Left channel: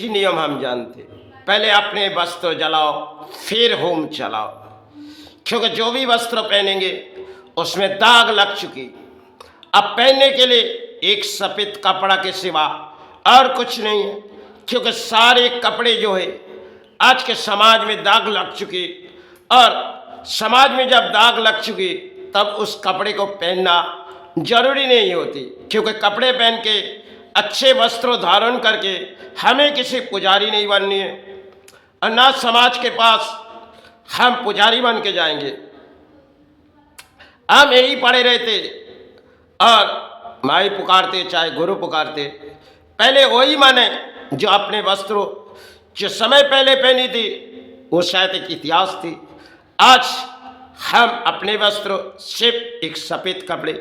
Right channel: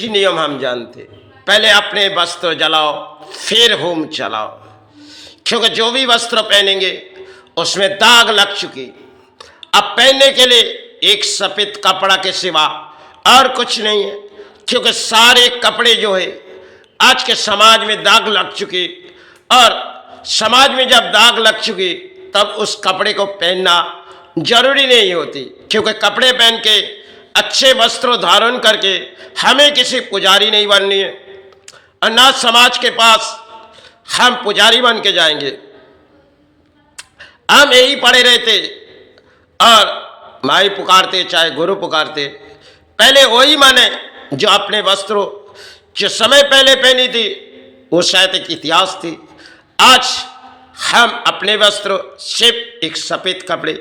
ही नियम हम जानते, पहले अपने वस्त्र जलाओ फिर होम चलाओ, क्योंकि जो भी वस्त्र पहनेंगे उसमें दाग लग चुकी। अब पहनने के लिए एक सफेद कपड़ा के सिवा और कुछ नहीं है, क्योंकि सारे कपड़े जो है आज के समाज में दाग लग चुकी, और समाज में जब दाग लग चुकी तब उस कपड़े को पहनना जरूरी नहीं होती, क्योंकि कपड़े पहन के अच्छे वस्त्र धारण करके हमें किसी पुजारी नहीं बननी है, और ना समाज के पास हम पुजारी बन के जाएंगे। हम यही पड़े रहते और माई पुकारते चाहे गुरु पुकारते, पहले वही माने जो अपने वस्त्रों जो समय पहले पहनी थी वो शायद एक इतिहास थी। आज हम अपने वस्त्र सिर्फ एक सफ़ेद कपड़े,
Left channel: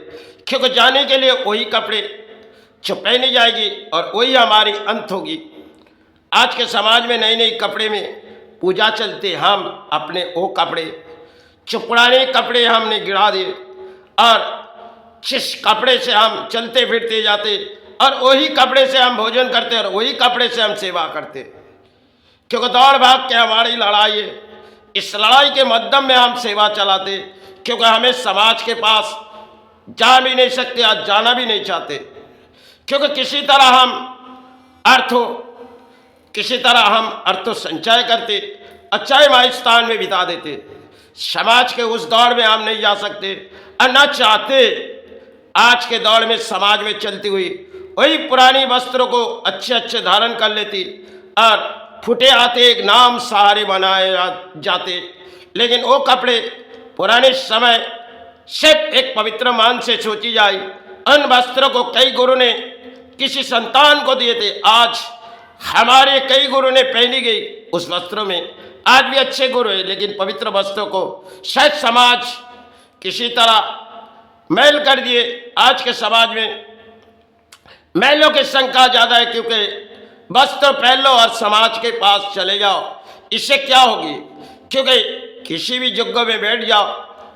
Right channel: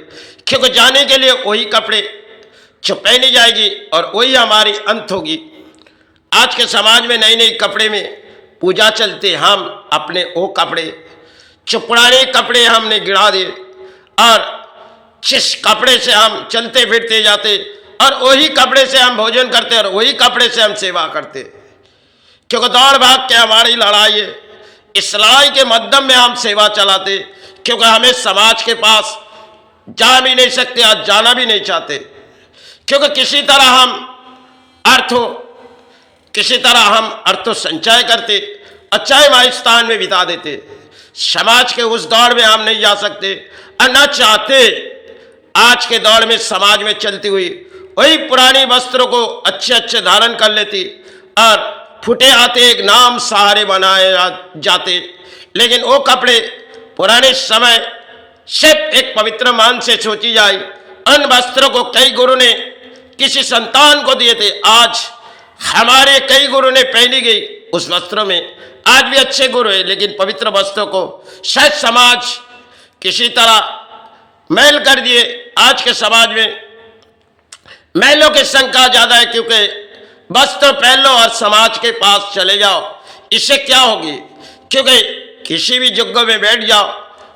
क्योंकि जाने के लिए वही कपड़े जो पहनी जाएगी और वही हमारी अंत होगी। आज के समाज में नई नई कपड़े में पूजा चलते, हम अपने वो कपड़े जो पुराने कपड़े हमने गिरा दिए, और जिस कपड़े से हम चलते फिरते जाते और वही कपड़े से हम भोजन करते और वही कपड़े से हम सेवा करते, क्योंकि दौड़ भाग के हमारी लड़ाई है। इस लड़ाई के मध्यम में हम सेवा चलाते, क्योंकि हमें समाज के पास जा भी नहीं सकते और जाना भी नहीं चाहते, क्योंकि किसी तरह हम अर्थों संचय करते अच्छा माई स्थान में बिता देते। समाज के उस दौड़ में हम नहीं जा सकते और न चाहते। आज के दौर में समाज में चलती हुई वही पुरानी वस्त्रों को अच्छे अच्छे धारण कर लेती और फुटे आते एक नाम सहारे बनाए जाते, लेकिन वो कपड़े पुराने समय सिर्फ एक पवित्र मान से सोची जाए। उन वस्त्रों को कई गुरु ने किसी संतान को दिए थे, आज हमारे कई गुरु ने पहनी गई उस वस्त्रों में। आज भी अच्छे गुरु है, लेकिन पवित्र वस्त्रों को शायद समाज किसी तरह मैल कर दिए। आज के समाज में मैलों की संख्या ज़्यादा है, क्योंकि वस्त्र पहन लो और समाज के पास चले जाओ। इससे क्या होगी, क्योंकि किसी भी जगह में बैठ जाओ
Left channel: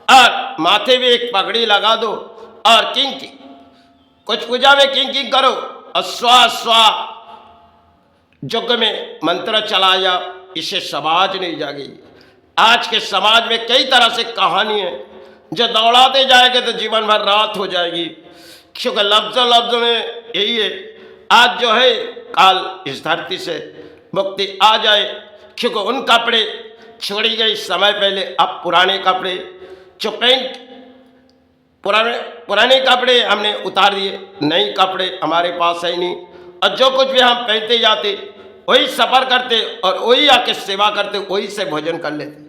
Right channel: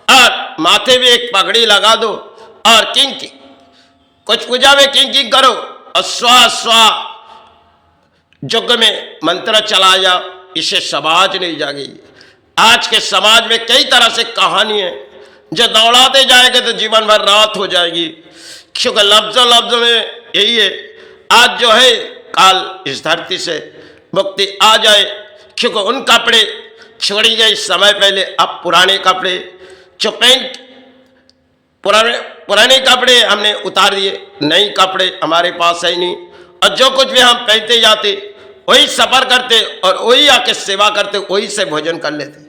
और माथे में एक पगड़ी लगा दो और कुछ पूजा में किंग करो और स्वा स्वा जग में मंत्र चला जाओ, इससे समाज नहीं जाएगी। आज के समाज में कई तरह से कहानी है, जो दौड़ाते जाएंगे तो जीवन भर रात हो जाएगी, क्योंकि लफ्ज़ों में यही है। आज जो है काल इस धरती से मुक्ति आ जाए, क्योंकि उन कपड़े छोड़ी गई समय पहले। अब पुराने कपड़े जो पुराने कपड़े हमने उतार दिए, नए कपड़े हमारे पास है नहीं, और जो कुछ भी हम पहनते जाते वही सफ़र करते और वही आके सेवा करते, वही से भोजन कर लेते,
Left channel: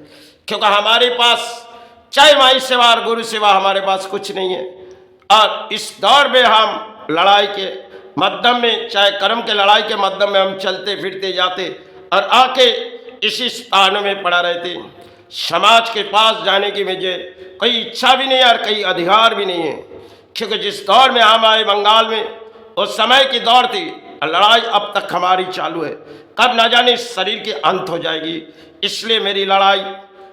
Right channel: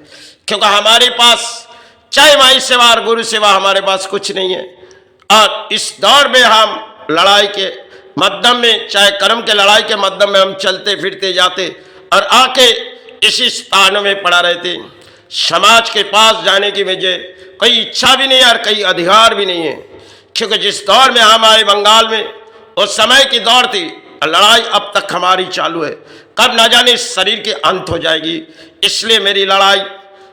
क्योंकि हमारे पास चाहे माई सेवा और गुरु सेवा हमारे पास कुछ नहीं है। और इस दौर में हम लड़ाई के मध्यम में, चाहे कर्म के लड़ाई के मध्यम में हम चलते फिरते जाते और आके इसी स्थान में पड़ा रहते। समाज के पास जाने की मुझे कोई इच्छा भी नहीं है और कोई अधिकार भी नहीं है, क्योंकि जिस दौर में हम आए बंगाल में उस समय की दौर थी, लड़ाई अब तक हमारी चालू है। कब न जाने इस शरीर की अंत हो जाएगी, इसलिए मेरी लड़ाई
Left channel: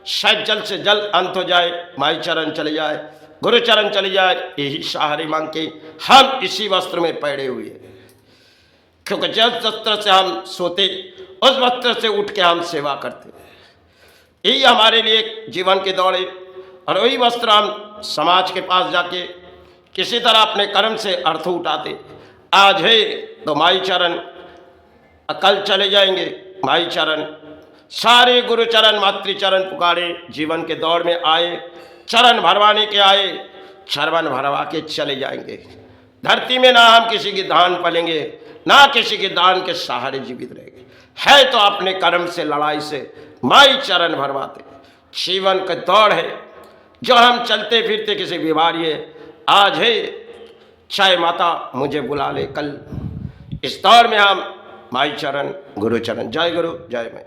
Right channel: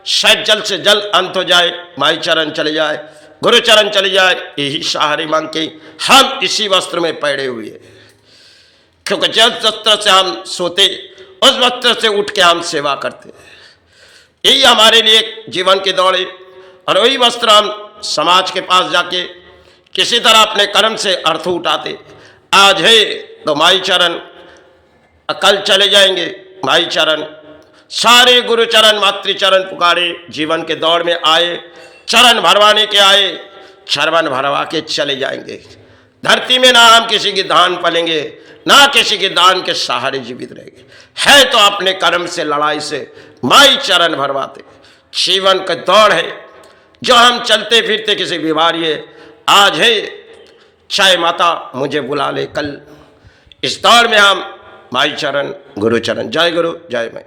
शायद जल्द से जल्द अंत हो जाए, माई चरण चले जाए, गुरु चरण चले जाए, यही सहारे मांग के हम इसी वस्त्र में पड़े हुए हैं। क्योंकि जिस वस्त्र से हम सोते उस वस्त्र से उठ के हम सेवा करते हैं। यही हमारे लिए जीवन की दौड़ है, और वही वस्त्र हम समाज के पास जाके किसी तरह अपने कर्म से अर्थ उठाते। आज है तो माई चरण, कल चले जाएंगे माई चरण। सारे गुरु चरण मातृचरण पुकारे, जीवन के दौड़ में आए, चरण भरवाने के आए, चरण भरवा के चले जाएंगे। धरती में ना हम किसी की दान पलेंगे, ना किसी के दान के सहारे जीवित रहेंगे। है तो अपने कर्म से, लड़ाई से माई चरण भरवाते। जीवन का दौड़ है जो हम चलते फिरते किसी बीमारी है। आज है चाहे माता मुझे बुला ले कल, इस दौर में हम माई चरण गुरु चरण। जय गुरु जय माई।